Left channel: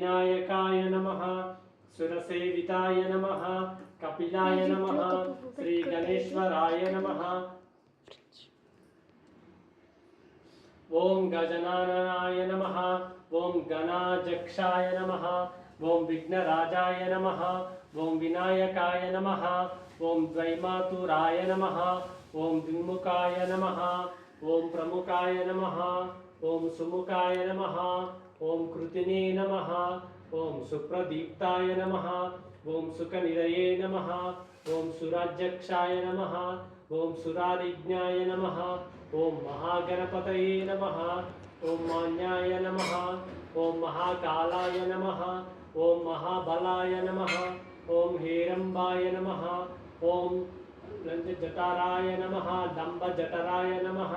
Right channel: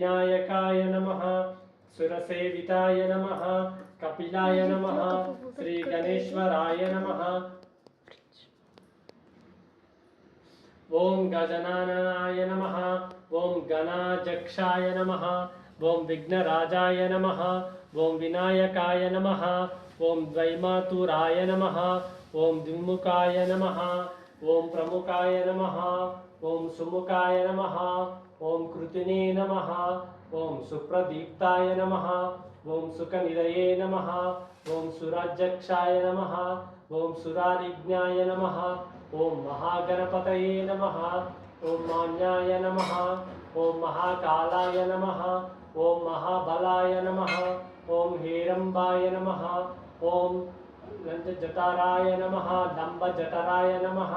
विनायकाय नमः सुरसेविताय नमः कपिलाय नमः श्री गणेश्वराय नमः ओम गजाननाय नमः ओम गणाध्यक्षाय नमः ओम विघ्नराजाय नमः ओम विनायकाय नमः ओम द्वैमातुराय नमः ओम द्विमुखाय नमः ओम प्रमुखाय नमः ओम सुमुखाय नमः ओम कृतिने नमः ओम सुप्रदीप्ताय नमः ओम सुखनिधये नमः ओम सुराध्यक्षाय नमः ओम सुरारिज्ञाय नमः ओम महागणपतये नमः ओम मान्याय नमः ओम महाकालाय नमः ओम महाबलाय नमः ओम हेरंबाय नमः ओम लंजटाराय नमः दंभजठराय नमः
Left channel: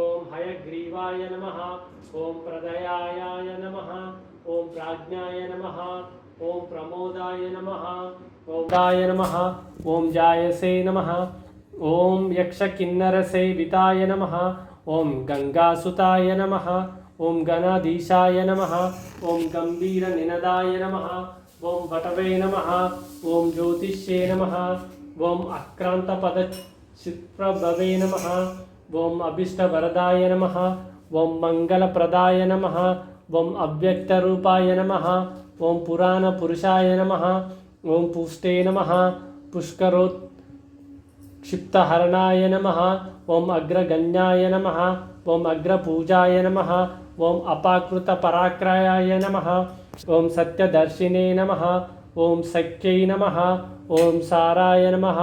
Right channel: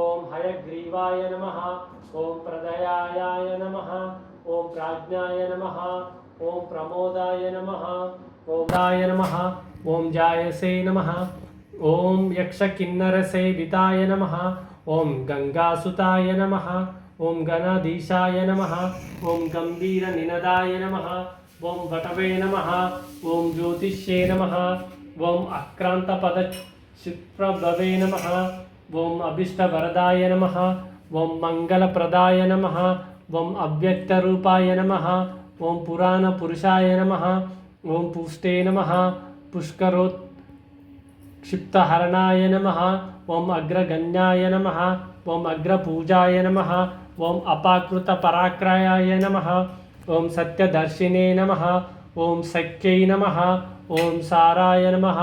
ओम हयग्रीवाय नमः ओम प्रदयाय नमः ओम प्राज्ञाय नमः ओम प्रमोदाय नमः ओम दाय नमः ओम जायसे नमः ओम यक्षकिन्नरसेविताय नमः ओम गंगासुताय नमः ओम गणाधीशाय नमः ओम गंभीरनिनदाय नमः ओम वटवे नमः ओम ज्योतिष्ये नमः ओम अक्रांतपदचित्प्रभवे नमः ओम अभीष्टवरदाय नमः ओम मंगलप्रदाय नमः ओम अव्यक्तरूपाय नमः ओम पुराणपुरुषाय नमः ओम पुष्टे नमः पुष्करोत् क्षिप्तहरणाय नमः ओम अग्रगण्याय नमः ओम अग्रपूजाय नमः ओम अपाकृतपराक्रयाय नमः ओम सत्यदर्शिने नमः ओम सख्यै नमः ओम साराय नमः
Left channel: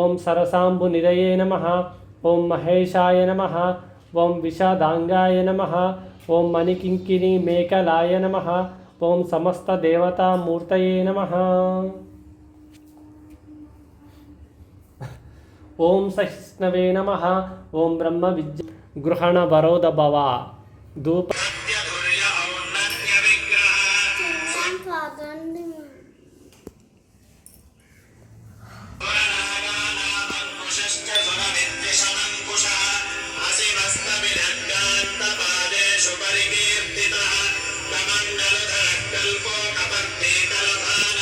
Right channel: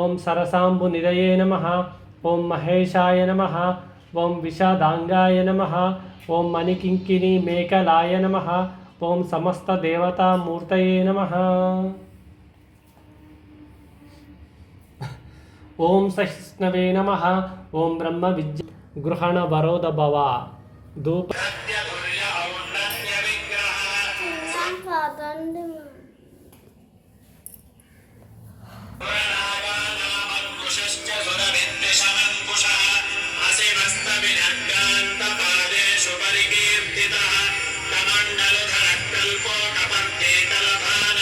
ओम सरसाम्बुनिधये नमः ओम महेशाय नमः ओम विषादांगाय नमः ओम मणिकिंकिणी मेखलाय नमः ओम समस्तदेवतामूर्तये नमः ओम सहिष्णवे नमः ओम ब्रह्म विद्या गृहण वरोद भवा धूप परिकीर्तितः कमण्डलधरकल्पो कपर्दे कलधान